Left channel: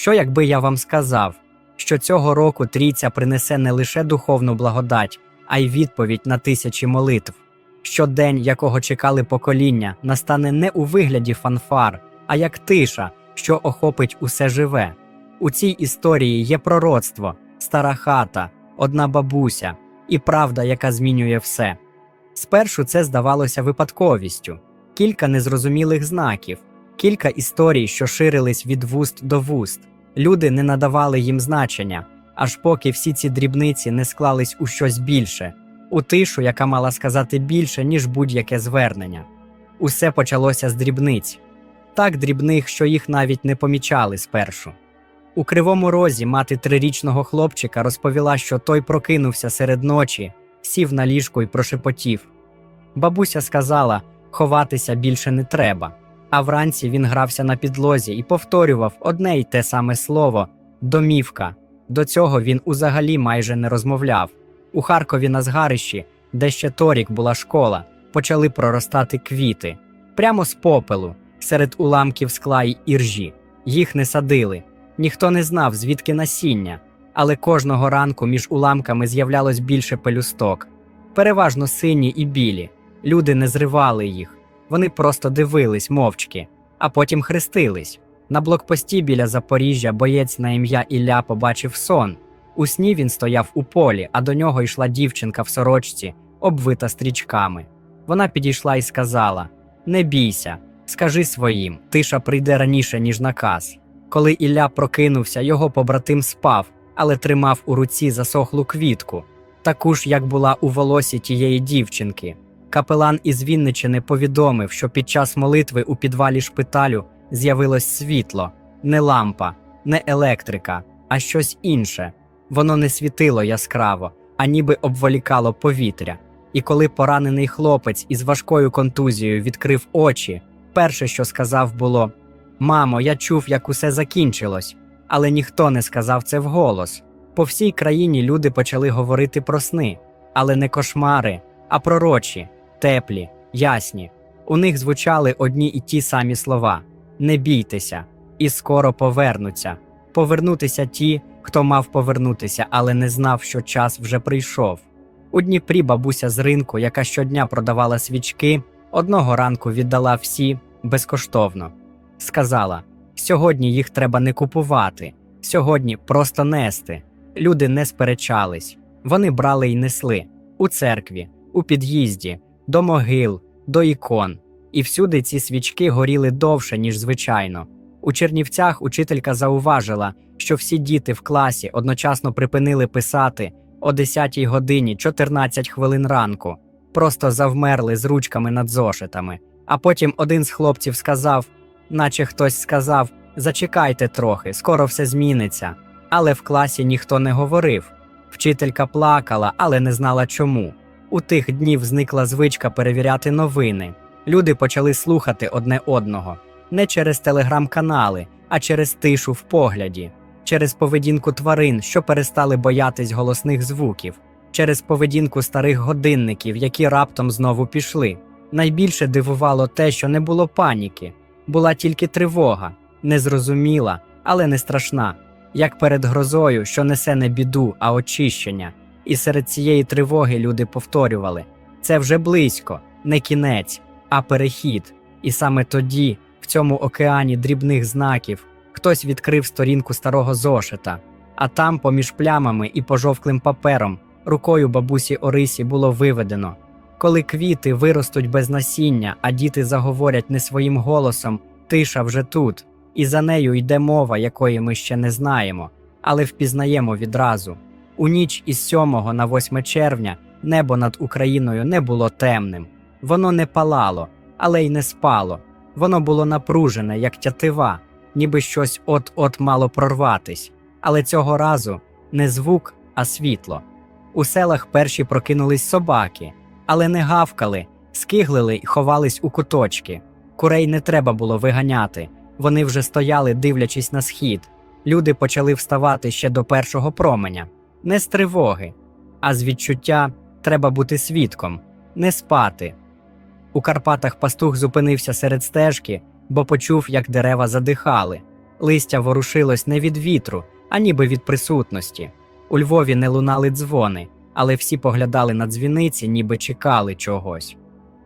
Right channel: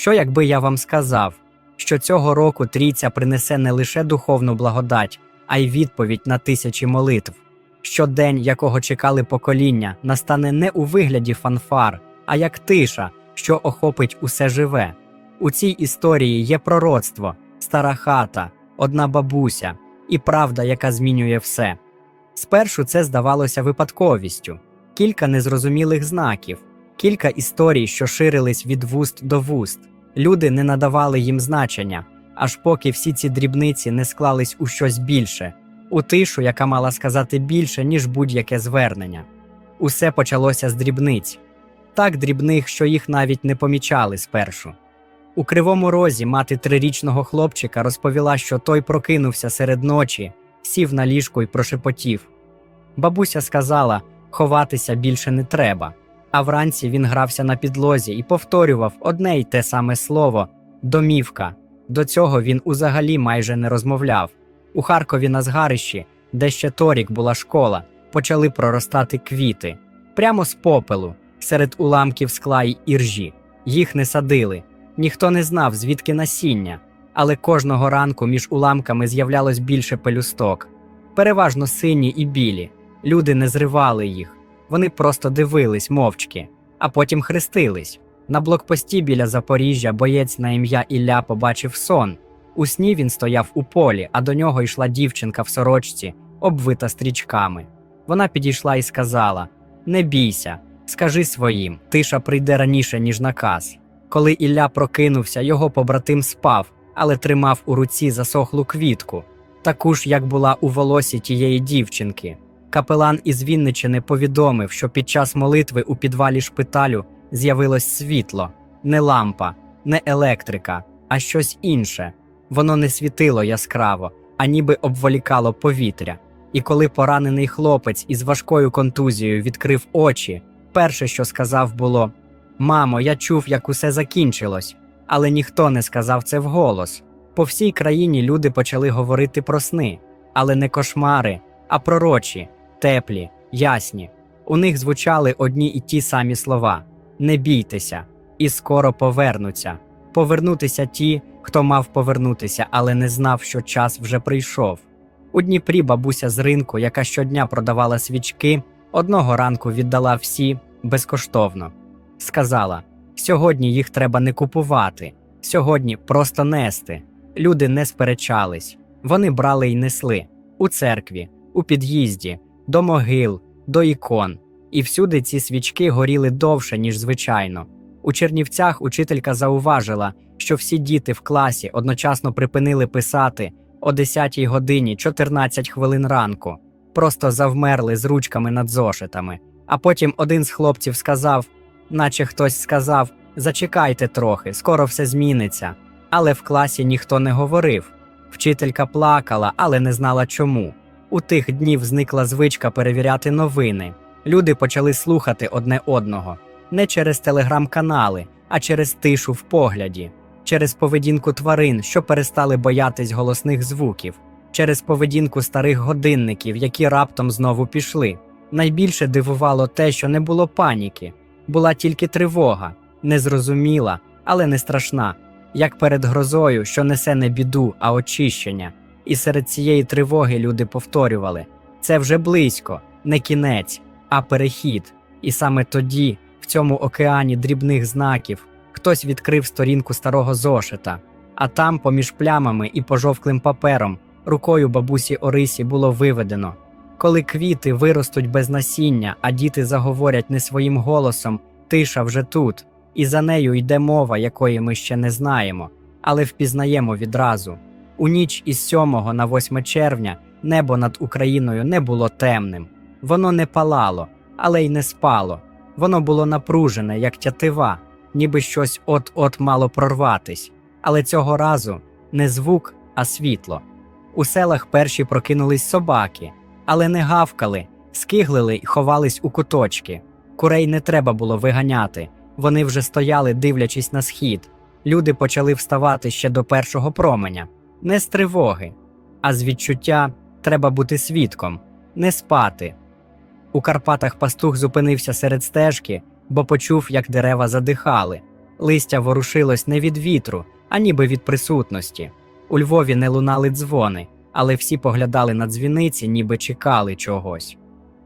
Що якби я вам сказав, що цього року трійця принесе не лише духовну благодать, а й відповідь на тисячі молитв. Що день, якого чекали покоління, настане не у вигляді фанфар, а як тиша, що охопить усе живе. У цій історії є пророцтво, стара хата, одна бабуся і правда, яка змінює все. Спершу це здавалося випадковістю, кілька незрозумілих знаків, кілька історій, що ширились від вуст до вуст. Люди не надавали їм значення, аж поки всі ці дрібниці не склались у щось більше, у тишу, яка мала сказати більше, ніж будь-яке звернення. Усе почалося з дрібниць, так дрібних, що їх навіть не помічали спершу. У кривому розі мати трирічного хлопчика розповіла, що той прокинувся серед ночі, сів на ліжку і прошепотів. Бабуся сказала, ховатися більше не треба. А вранці він грався на підлозі і повторював одне й те саме слово домівка. До цього він узагалі майже не розмовляв. У Харкові на згарищі, де ще торік була школа, почали проростати квіти прямо з попелу, серед уламків скла й іржі. Їх не садили. Ніхто не знав, звідки насіння, але кожного ранку між уламками з'являлось більше пелюсток. Переважно сині і білі. Люди не зривали їх. Вони просто дивились мовчки, а потім хрестились. На блокпості біля Запоріжжя боєць на ім'я Ілля побачив сон. У сні він стояв у полі, а до нього йшла дівчинка в сорочці, обвита стрічками. Вона підійшла і сказала: Не бійся, скажи своїм, тиша прийде раніше, ніж наказ. Коли Ілля прокинувся, його побратим спав, але тримав у руці засохлу квітку, таку ж, як була у волосі тієї дівчинки. Капелан із Вінничини повідомив, що під час молитви у підвалі шпиталю з'явилось світло, не лампа, не електрика, а щось інше. Воно не світило яскраво, а ніби обволікало повітря. І коли поранений хлопець із важкою контузією відкрив очі, перше, що сказав, було: Мамо, я чув, як усе закінчилось, але ніхто не сказав це вголос. По всій країні люди почали говорити про сни, але не кошмари, а пророчі, теплі, ясні. У них звучали одні і ті самі слова: не бійтеся, і скоро повернуться. Повернутися ті, хто мав повернутися, але не знав, що час вже прийшов. У Дніпрі бабуся з ринку, яка щодня продавала свічки, одного ранку віддала всі безкоштовно. Сказала: сьогодні їх треба не купувати, сьогодні просто нести. Люди не сперечались, вони брали й несли у церкві, у під'їзді, до могил, до ікон. І всюди ці свічки горіли довше, ніж звичайно. У Чернівцях учителька зауважила, що всі діти в класі одночасно припинили писати о 10 годині 14 хвилин ранку, просто завмерли з ручками над зошитами. А потім один з хлопців сказав, наче хтось сказав: Зачекайте трохи, скоро все зміниться. Але в класі ніхто не говорив. Вчителька плакала, але не знала чому. У тих днів зникла звичка перевіряти новини. Люди почали слухати одне одного не через телеграм-канали, а через тишу в погляді, через поведінку тварин, що перестали боятись голосних звуків, через поведінку старих годинників, які раптом знову пішли. Найбільше дивувало те, що не було паніки, була тільки тривога, незрозуміла, але не страшна, як перед грозою, що несе не біду, а очищення. І серед цієї тривоги люди повторювали: це вже близько, не кінець, а перехід. І саме тоді, в цьому океані дрібних знаків, хтось відкрив сторінку старого зошита, а там, поміж плямами і пожовклим папером, рукою бабусі Орисі було виведено. Коли квіти виростуть без насіння, а діти заговорять не своїм голосом, тиша вже тут, і за нею йде мова, якої ми ще не знаємо, але впізнаємо відразу. У ніч із 7 на 8 червня небо над Україною не було темним, воно не палало, але й не спало. Воно було напружене, як тятива, ніби щось от-от мало прорватись. Але цього разу не звук, а світло. У селах перші прокинулись собаки, але не гавкали, скиглили й ховались у куточки. Курей не треба було виганяти. Вони вже стояли, дивлячись на схід. Люди почали вставати ще до першого променя, не з тривоги, а з відчуття треба бути свідком, не спати. У Карпатах пастух зупинився серед стежки, бо почув, як дерева задихали. Листя ворушилось не від вітру, а ніби від присутності. У Львові не лунали дзвони, але всі поглядали на дзвіниці, ніби чекали чогось.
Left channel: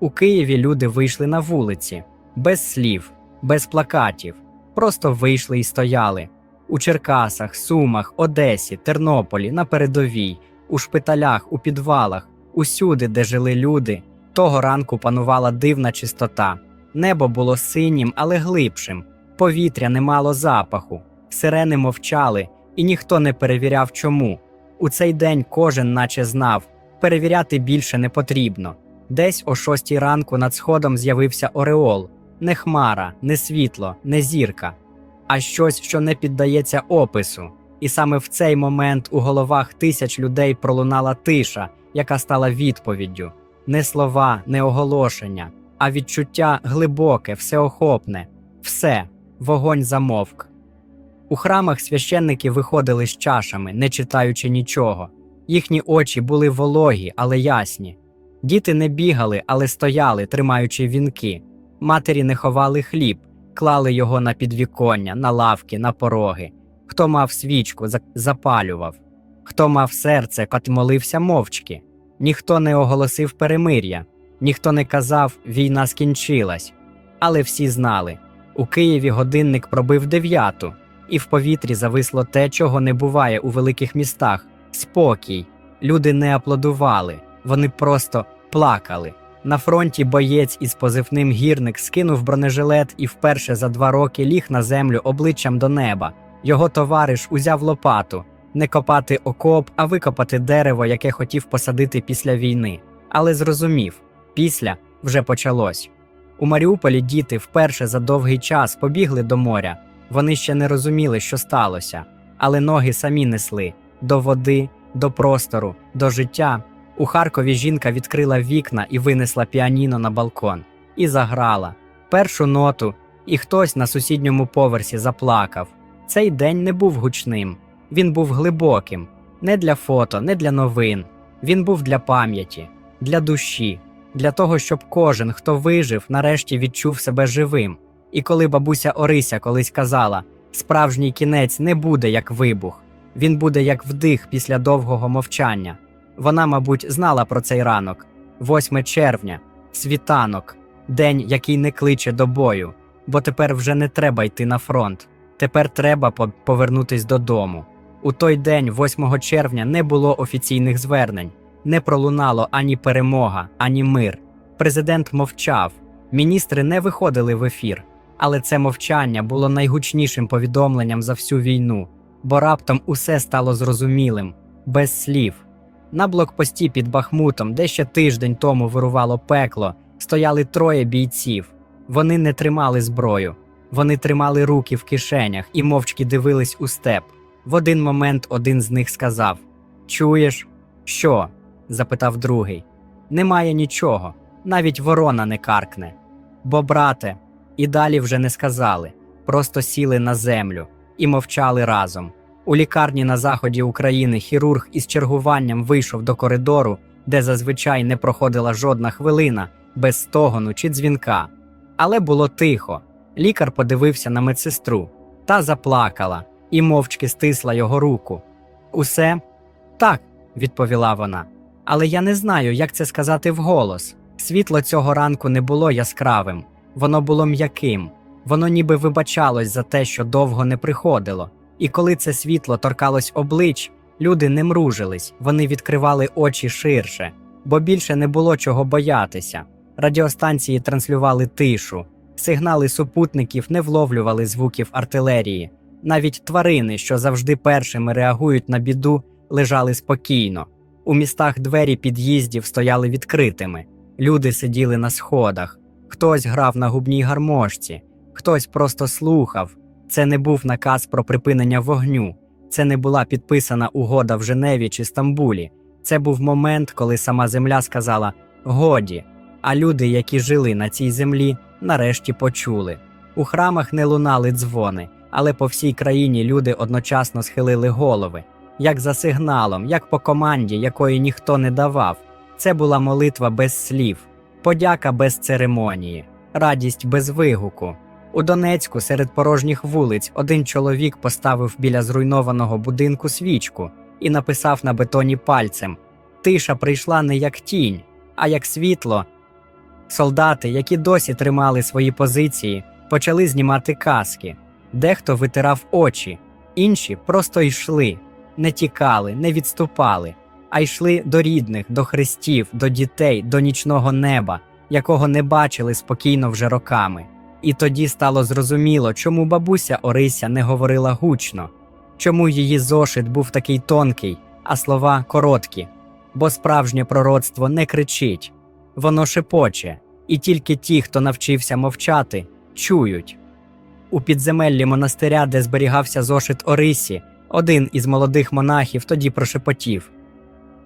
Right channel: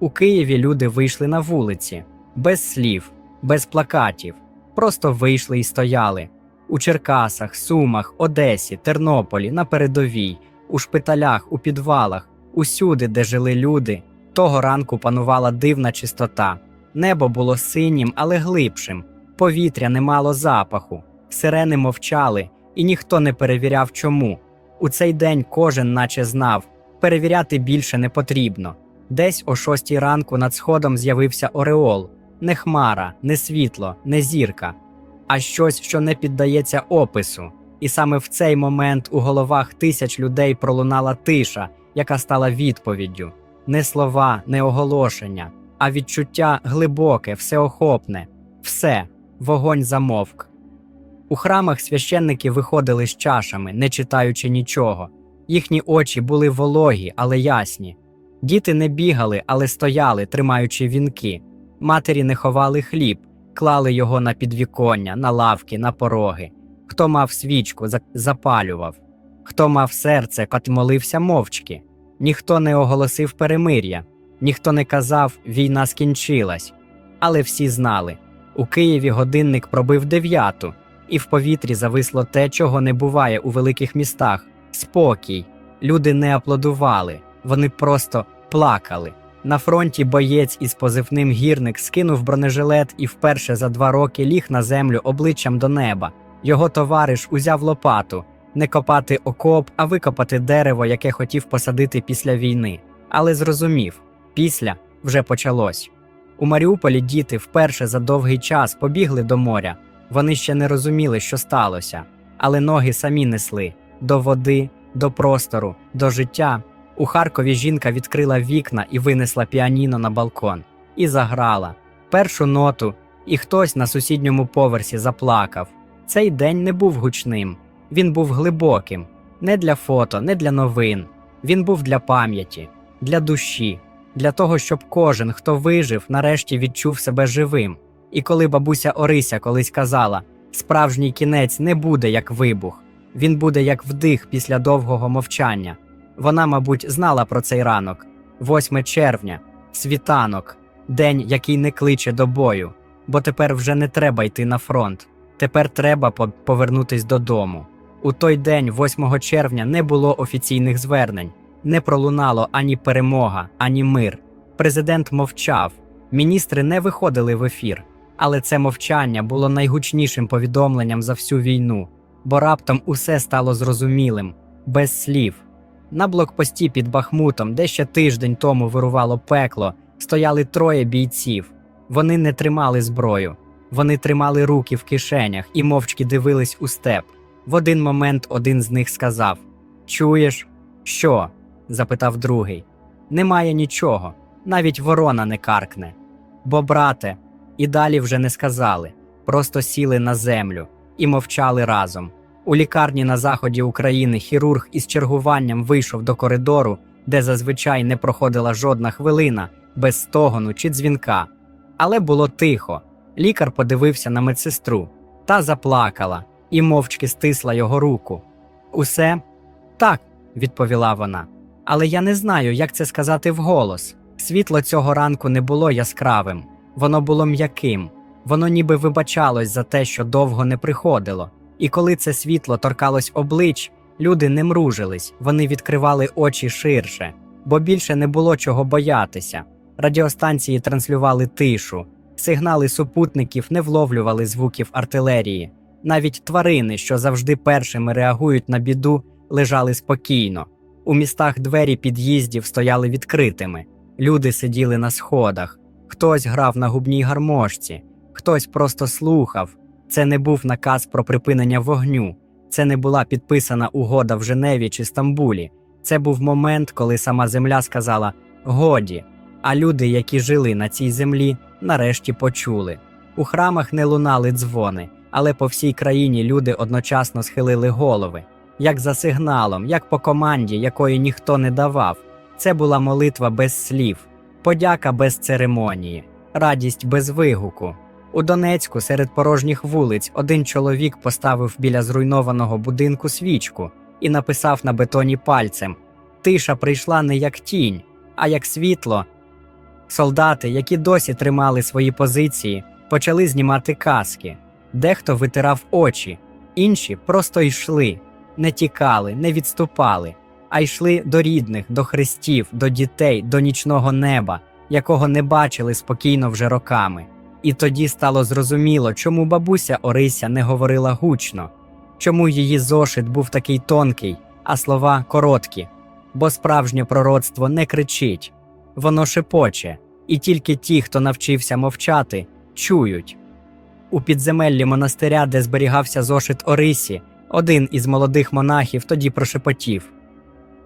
У Києві люди вийшли на вулиці, без слів, без плакатів, просто вийшли і стояли. У Черкасах, Сумах, Одесі, Тернополі, на передовій, у шпиталях, у підвалах, усюди, де жили люди, того ранку панувала дивна чистота. Небо було синім, але глибшим, повітря не мало запаху, сирени мовчали, і ніхто не перевіряв, чому. У цей день кожен наче знав, перевіряти більше не потрібно. Десь о шостій ранку над сходом з'явився Ореол, не хмара, не світло, не зірка, а щось, що не піддається опису. І саме в цей момент у головах тисяч людей пролунала тиша, яка стала відповіддю. Не слова, не оголошення, а відчуття глибоке, всеохопне. Все, вогонь замовк. У храмах священники виходили з чашами, не читаючи нічого. Їхні очі були вологі, але ясні. Діти не бігали, але стояли, тримаючи вінки. Матері не ховали хліб, клали його на підвіконня, на лавки, на пороги. Хто мав свічку, запалював. Хто мав серце, кот молився мовчки. Ніхто не оголосив перемир'я, ніхто не казав війна скінчилась. Але всі знали у Києві годинник пробив дев'яту, і в повітрі зависло те, чого не буває у великих містах спокій. Люди не аплодували, вони просто плакали. На фронті боєць із позивним гірник скинув бронежилет і вперше за два роки ліг на землю обличчям до неба. Його товариш узяв лопату не копати окоп, а викопати дерево, яке хотів посадити після війни. Але зрозумів, після вже почалось. У Маріуполі діти вперше за довгий час побігли до моря. Вони ще не розуміли, що сталося, але ноги самі несли до води, до простору, до життя. У Харкові жінка відкрила вікна і винесла піаніно на балкон. І заграла першу ноту, і хтось на сусідньому поверсі заплакав. Цей день не був гучним, він був глибоким, не для фото, не для новин. Він був для пам'яті, для душі, для того, щоб кожен, хто вижив, нарешті відчув себе живим. І коли бабуся Орися колись казала: справжній кінець не буде як вибух, він буде як вдих після довгого мовчання. Вона, мабуть, знала про цей ранок 8 червня, світанок, день, який не кличе до бою, бо тепер вже не треба йти на фронт. Тепер треба по- повернутись додому. У той день, 8 червня, не було офіційних звернень, не пролунало ані перемога, ані мир. Президент мовчав, міністри не виходили в ефір. Але це мовчання було найгучнішим повідомленням за всю війну, бо раптом усе стало зрозумілим, без слів. На блокпості під Бахмутом, де ще тиждень тому вирувало пекло, стояли троє бійців. Вони не тримали зброю, вони тримали руки в кишенях і мовчки дивились у степ. В один момент один з них сказав: Чуєш, що? запитав другий. Немає нічого, навіть ворона не каркне. Бо, брате, і далі вже не сказали, просто сіли на землю і мовчали разом. У лікарні на заході України хірург із чергуванням вийшов до коридору, де зазвичай не проходила жодна хвилина, без стогону чи дзвінка. Але було тихо. Лікар подивився на медсестру та заплакала і мовчки стисла його руку. Усе так, відповіла вона. Але я не знаю, як це сказати вголос. Світло цього ранку не було яскравим, воно було м'яким, воно ніби вибачалось за те, що довго не приходило. І коли це світло торкалось облич, люди не мружились, вони відкривали очі ширше, бо більше не було чого боятися. Радіостанції транслювали тишу, сигнали супутників не вловлювали звуків артилерії. Навіть тварини, що завжди першими реагують на біду, лежали спокійно. У містах двері під'їздів стояли відкритими. Люди сиділи на сходах, хтось грав на губній гармошці, хтось просто слухав. Це не був наказ про припинення вогню, це не була підписана угода в Женеві чи Стамбулі. Це був момент, коли сама земля сказала годі. А люди, які жили на цій землі, нарешті почули. У храмах не лунали дзвони, але по всій країні люди одночасно схилили голови, як за сигналом, як по команді, якої ніхто не давав. Це була молитва без слів, подяка без церемонії, радість без вигуку. У Донецьку серед порожніх вулиць один чоловік поставив біля зруйнованого будинку свічку і написав на бетоні пальцем: Тиша прийшла не як тінь, а як світло. Солдати, які досі тримали свої позиції, почали знімати каски. Дехто витирав очі, інші просто йшли, не тікали, не відступали, а йшли до рідних, до хрестів, до дітей, до нічного неба, якого не бачили спокійно вже роками. І тоді стало зрозуміло, чому бабуся Орися не говорила гучно, чому її зошит був такий тонкий, а слова короткі, бо справжнє пророцтво не кричить, воно шепоче, і тільки ті, хто навчився мовчати, чують. У підземеллі монастиря, де зберігався зошит Орисі, один із молодих монахів тоді прошепотів:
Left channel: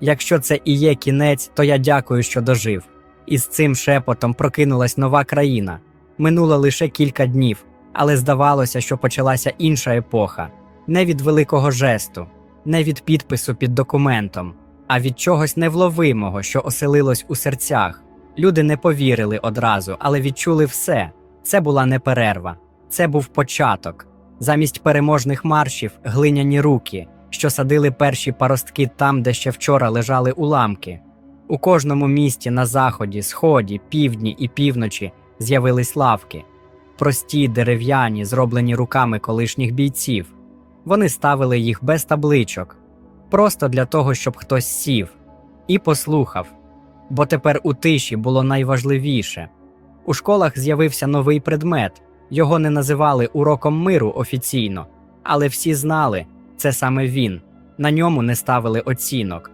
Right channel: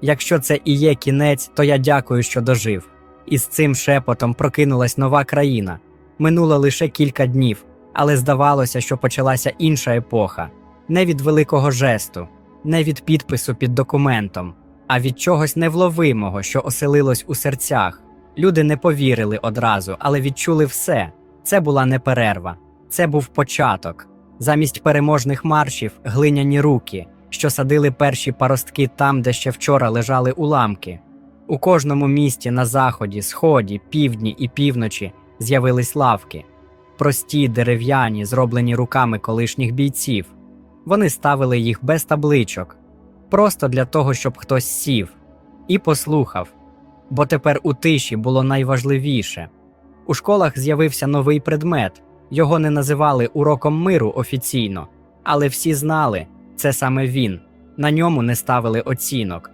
Якщо це і є кінець, то я дякую, що дожив. І з цим шепотом прокинулась нова країна. Минуло лише кілька днів, але здавалося, що почалася інша епоха не від великого жесту, не від підпису під документом, а від чогось невловимого, що оселилось у серцях. Люди не повірили одразу, але відчули все. Це була не перерва, це був початок. Замість переможних маршів глиняні руки, що садили перші паростки там, де ще вчора лежали уламки. У кожному місті на заході, сході, півдні і півночі з'явились лавки, прості дерев'яні, зроблені руками колишніх бійців. Вони ставили їх без табличок, просто для того, щоб хтось сів і послухав. Бо тепер у тиші було найважливіше. У школах з'явився новий предмет. Його не називали уроком миру офіційно, але всі знали, це саме він. На ньому не ставили оцінок.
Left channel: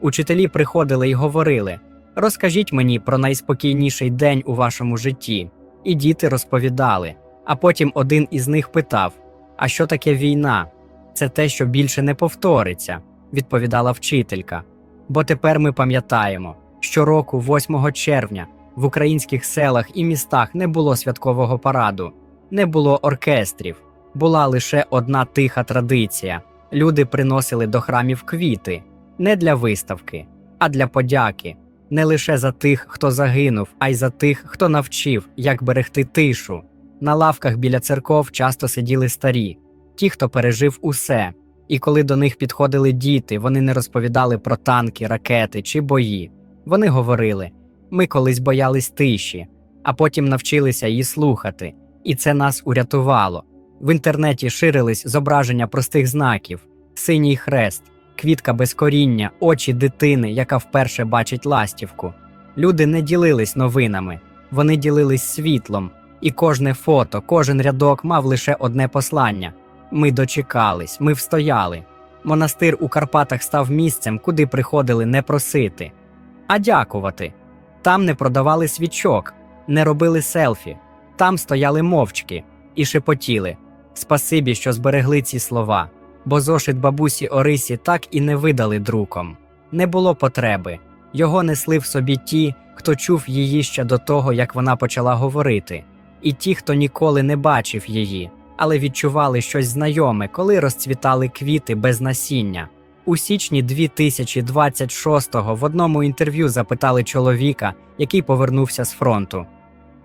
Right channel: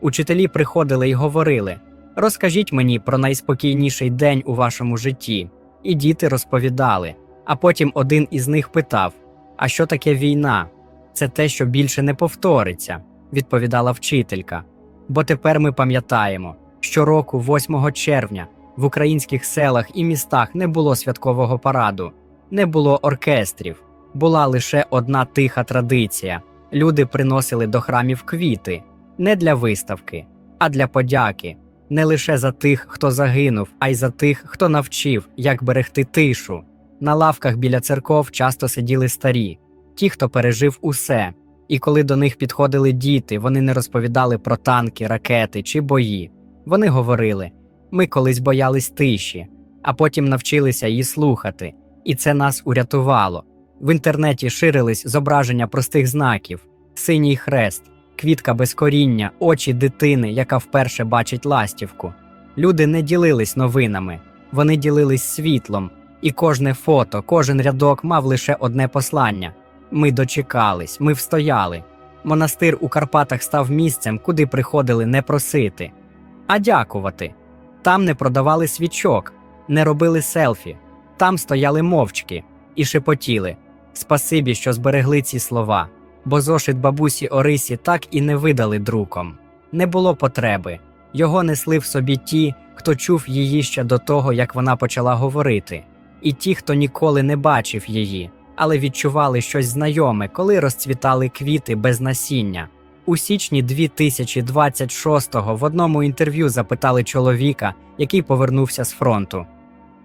Учителі приходили і говорили: Розкажіть мені про найспокійніший день у вашому житті. І діти розповідали. А потім один із них питав: А що таке війна? Це те, що більше не повториться, відповідала вчителька. Бо тепер ми пам'ятаємо, щороку, 8 червня, в українських селах і містах не було святкового параду, не було оркестрів, була лише одна тиха традиція. Люди приносили до храмів квіти не для виставки, а для подяки, не лише за тих, хто загинув, а й за тих, хто навчив, як берегти тишу. На лавках біля церков часто сиділи старі, ті, хто пережив усе. І коли до них підходили діти, вони не розповідали про танки, ракети чи бої. Вони говорили: ми колись боялись тиші, а потім навчилися її слухати, і це нас урятувало. В інтернеті ширились зображення простих знаків: синій хрест, квітка без коріння, очі дитини, яка вперше бачить ластівку. Люди не ділились новинами, вони ділились світлом, і кожне фото, кожен рядок мав лише одне послання. Ми дочекались, ми встояли. Монастир у Карпатах став місцем, куди приходили не просити, а дякувати. Там не продавали свічок, не робили селфі, там стояли мовчки і шепотіли. Спасибі, що зберегли ці слова, бо зошит бабусі Орисі так і не видали друком. Не було потреби. Його несли в собі ті, хто чув її ще до того, як вона почала говорити, і ті, хто ніколи не бачив її, але відчували щось знайоме, коли розцвітали квіти без насіння. У січні 2026-го в одному інтерв'ю запитали чоловіка, який повернувся з фронту.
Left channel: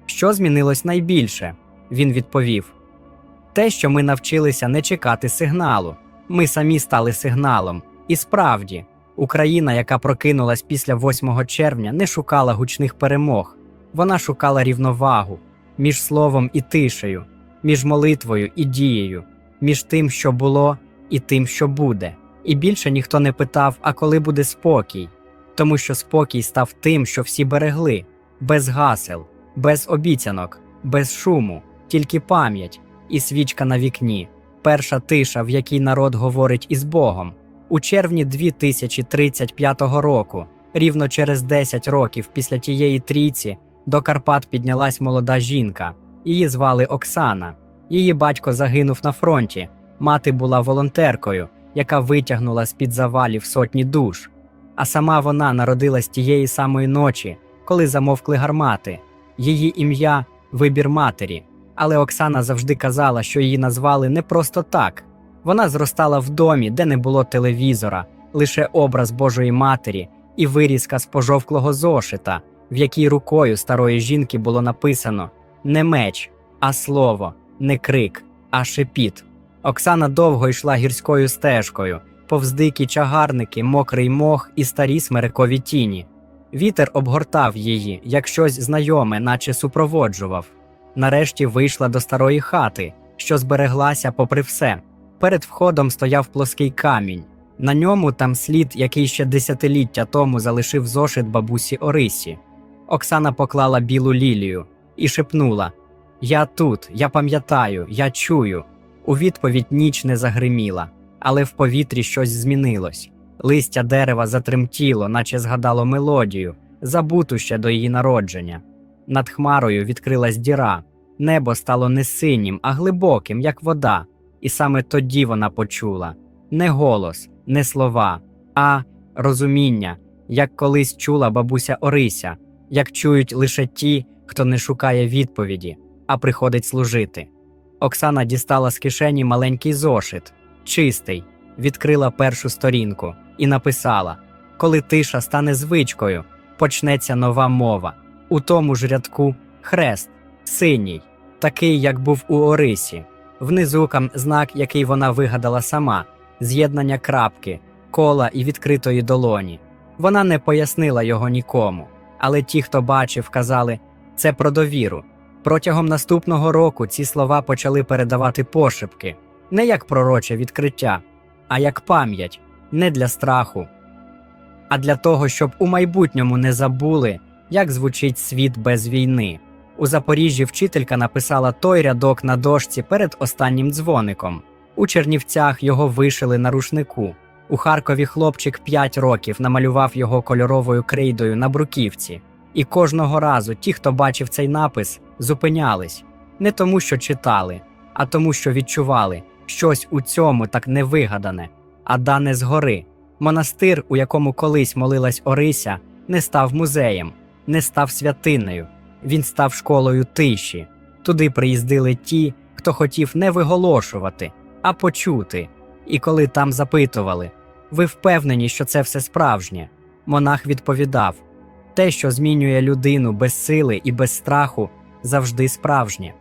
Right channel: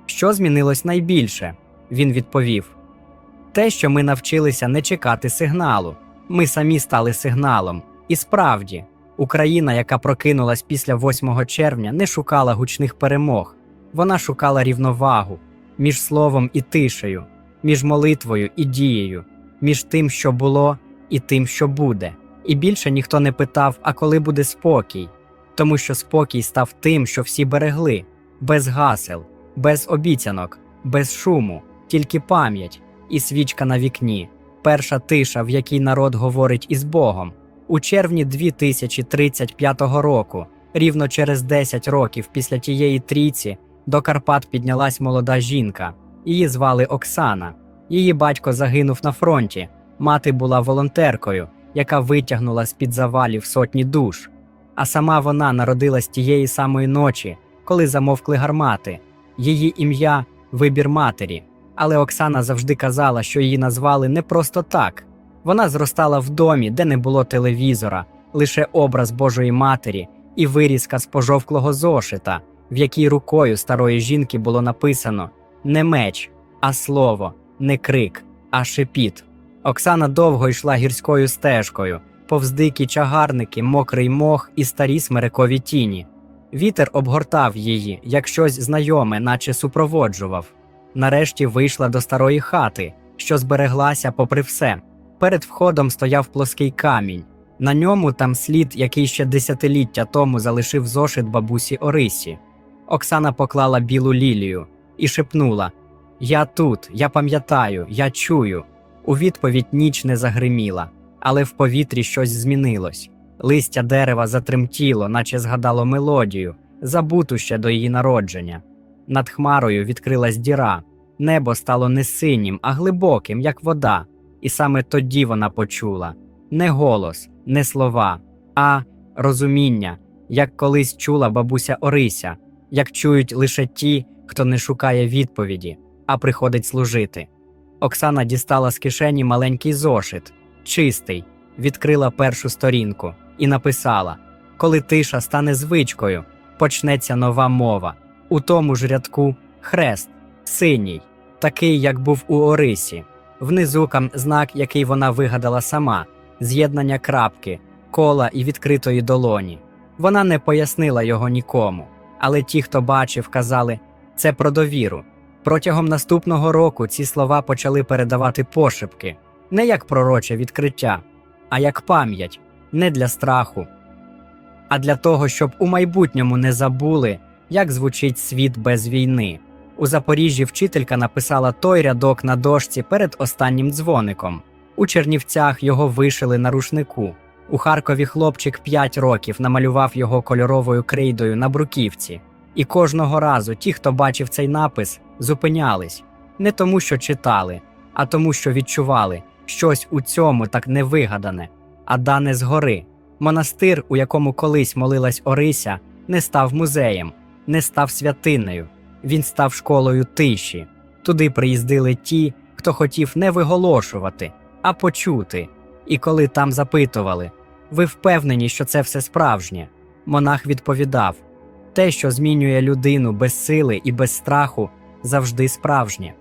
Що змінилось найбільше? Він відповів: Те, що ми навчилися не чекати сигналу. Ми самі стали сигналом. І справді, Україна, яка прокинулась після 8 червня, не шукала гучних перемог. Вона шукала рівновагу між словом і тишею, між молитвою і дією, між тим, що було, і тим, що буде. І більше ніхто не питав, а коли буде спокій, тому що спокій став тим, що всі берегли, без гасел, без обіцянок, без шуму, тільки пам'ять і свічка на вікні, перша тиша, в якій народ говорить із Богом. У червні 2035 року, рівно через 10 років після тієї трійці, до Карпат піднялась молода жінка. Її звали Оксана. Її батько загинув на фронті. Мати була волонтеркою, яка витягнула з під завалів сотні душ. А сама вона народилась тієї самої ночі, коли замовкли гармати. Її ім'я вибір матері. Але Оксана завжди казала, що її назвали не просто так. Вона зростала в домі, де не було телевізора, лише образ Божої матері і вирізка з пожовклого зошита, в якій рукою старої жінки було написано не меч, а слово, не крик, а шепіт. Оксана довго йшла гірською стежкою, повз дикі чагарники, мокрий мох і старі смирикові тіні. Вітер обгортав її, як щось знайоме, наче супроводжував. Нарешті вийшла до старої хати, що збереглася попри все. Перед входом стояв плоский камінь. На ньому там слід, який ще десятиліття тому залишив зошит бабусі Орисі. Оксана поклала білу лілію і шепнула: Я тут, я пам'ятаю, я чую. У відповідь ніч не загриміла, але в повітрі щось змінилось. Листя дерева затремтіло, наче згадало мелодію, забуту ще до її народження. Над хмарою відкрилась діра. Небо стало не синім, а глибоким, як вода. І саме тоді вона почула не голос, не слова, а розуміння, як колись чула бабуся Орися, як чують лише ті, хто не шукає відповіді, а приходить служити. Оксана дістала з кишені маленький зошит, чистий, відкрила першу сторінку і написала: Коли тиша стане звичкою, почнеться нова мова. У тому ж рядку. Хрест, синій, такий, як був у Орисі. Внизу кам знак, який вона вигадала сама, з'єднання крапки, кола і відкритої долоні. Вона не пояснила його нікому, але ті, хто бачив, казали це про довіру. Протягом наступного року ці слова почали передавати пошепки, не як пророче відкриття, а як пам'ять, не для страху, а для того, щоб у майбутньому не забули, як звучить світ без війни. У Запоріжжі вчителька написала той рядок на дошці перед останнім дзвоником. У Чернівцях його вишили на рушнику. У Харкові хлопчик 5 років намалював його кольоровою крейдою на бруківці. І кожного разу ті, хто бачив цей напис, зупинялись не тому, що читали, а тому, що відчували щось у цьому так невигадане, а дане згори. Монастир, у якому колись молилась Орися, не став музеєм, не став святиною. Він став школою тиші. Туди приїздили ті, хто хотів не виголошувати, а почути. І коли там запитували, ви впевнені, що це все справжнє? Монах відповідав: те, що змінює людину без сили і без страху, завжди справжнє.